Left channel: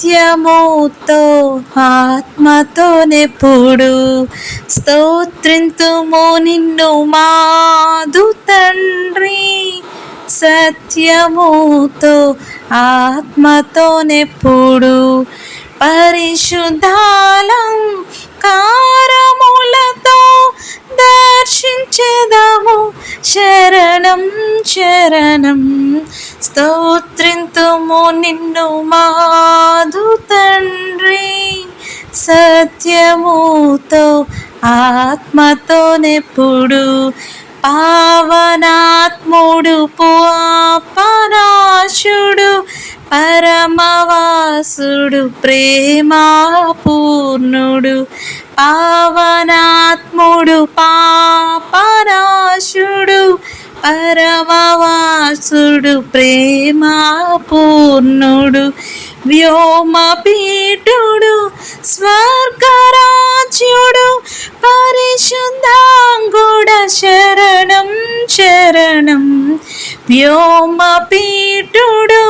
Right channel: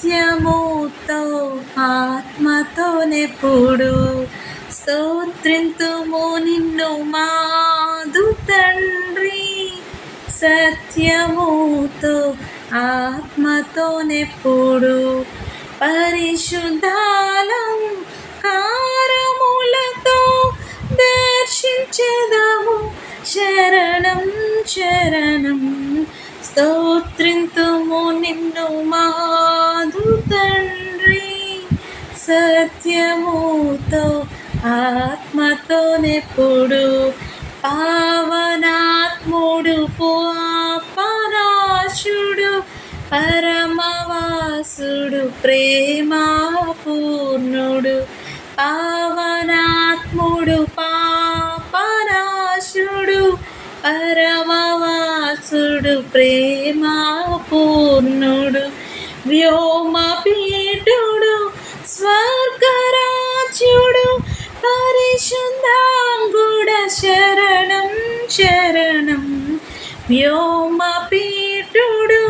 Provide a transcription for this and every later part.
సత్యముతో ఆత్మతోనెప్పుడు స్తోత్రింతుము నిన్ను మాదు తండ్రి. సత్యముతో ఆత్మతోనెప్పుడు పరిశుద్ధాలంకారములతో దర్శించెదము. శరణం శరణం స్తోత్రింతుము నిన్ను మాదు తండ్రి. సత్యముతో ఆత్మతోనెప్పుడు పావనాత్ముడు పాపనాశుడు పరమవాసుడు ప్రేమాపూర్ణుడు. పావనాత్ముడు పాపనాశుడు పరమవాసుడు ప్రేమాపూర్ణుడు. వ్యోమపీఠుడు స్వర్గరాజ్యుడు పరిశుద్ధాంగుడ శరణం శరణం. వ్యోమపీఠుడు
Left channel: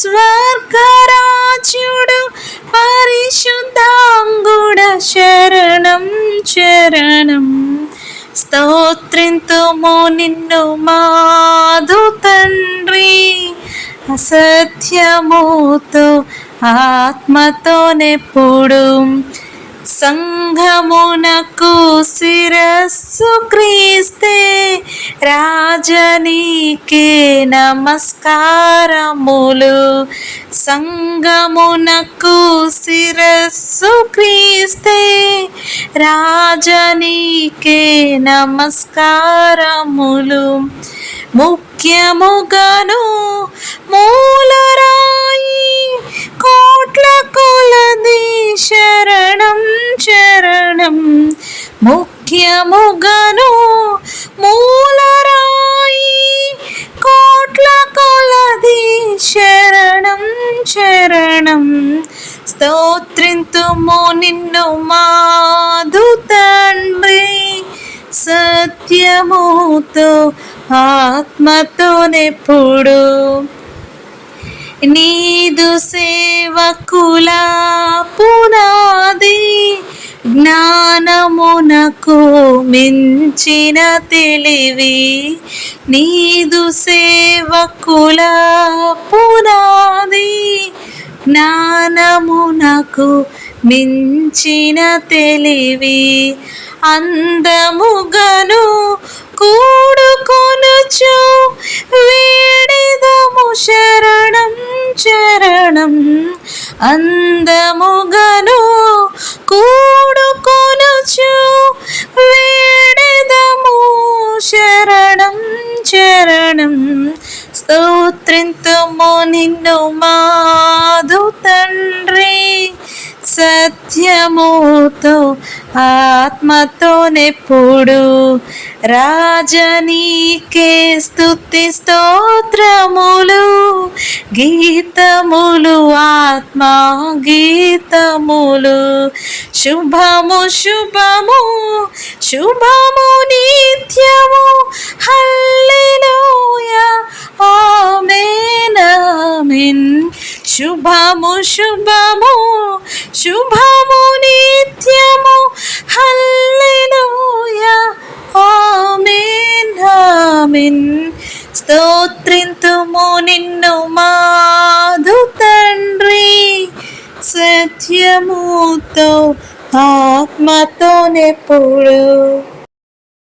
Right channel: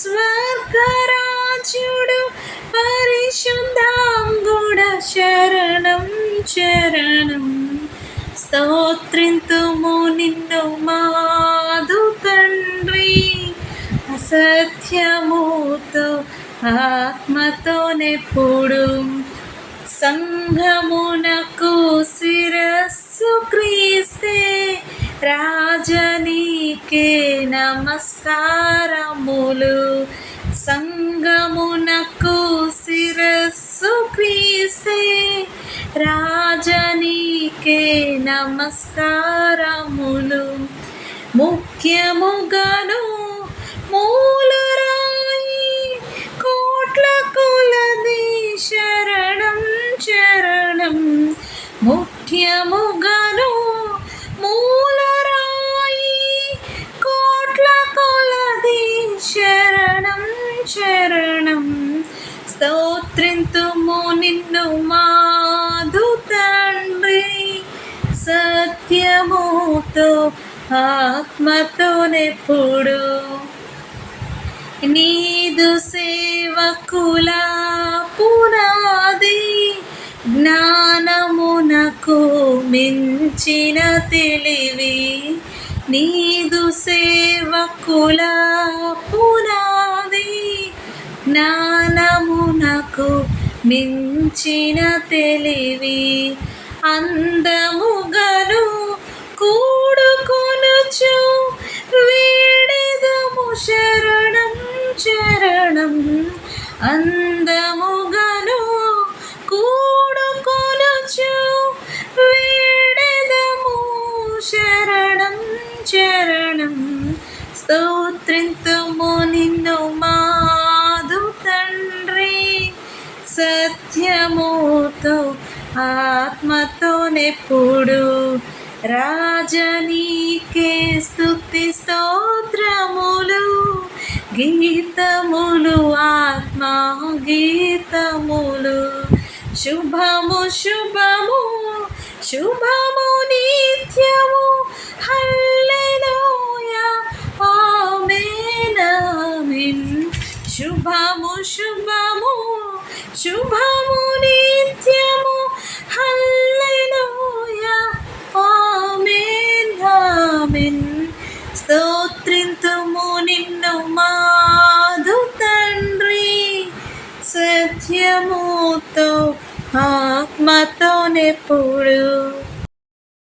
స్వర్గరాజ్యుడు పరిశుద్ధాంగుడ శరణం శరణం. స్తోత్రింతుము నిన్ను మాదు తండ్రి. అసత్యముతో ఆత్మతోనెప్పుడు సంఘమునకు శిరస్సు క్రీస్తే రాజనీకే నమస్కారములు. సంఘమునకు శిరస్సు క్రీస్తే రాజనీకే నమస్కారములు. ముఖ్యముగను మూలరాయి కోట్ల కొలది శరణం శరణం. ముఖ్యముగను మూలరాయి కోట్ల కొలది శరణం శరణం. స్తోత్రింతుము నిన్ను మాదు తండ్రి. సత్యముతో ఆత్మతోనెప్పుడు నీదు సేవకుల పునాది జ్ఞానమునకు మించిన తెలివి. నీదు సేవకుల పునాది జ్ఞానమునకు మించిన తెలివి. అందముగను కూడుకొనుచు వేడెదము శరణం శరణం. అందముగను కూడుకొనుచు వేడెదము శరణం శరణం. స్తోత్రింతుము నిన్ను మాదు తండ్రి. సత్యముతో ఆత్మతోనెప్పుడు రాజనీకే స్తుతి స్తోత్రములు. గీతములు ఆత్మా గీతములు. శుభము శుభము శుభము నిత్యము హల్లెలూయా ఆమేన్ ఆమేన్. శుభము శుభము శుభము నిత్యము హల్లెలూయా ఆమేన్ ఆమేన్. స్తోత్రింతుము నిన్ను మాదు తండ్రి. సత్యముతో ఆత్మతోనెప్పుడు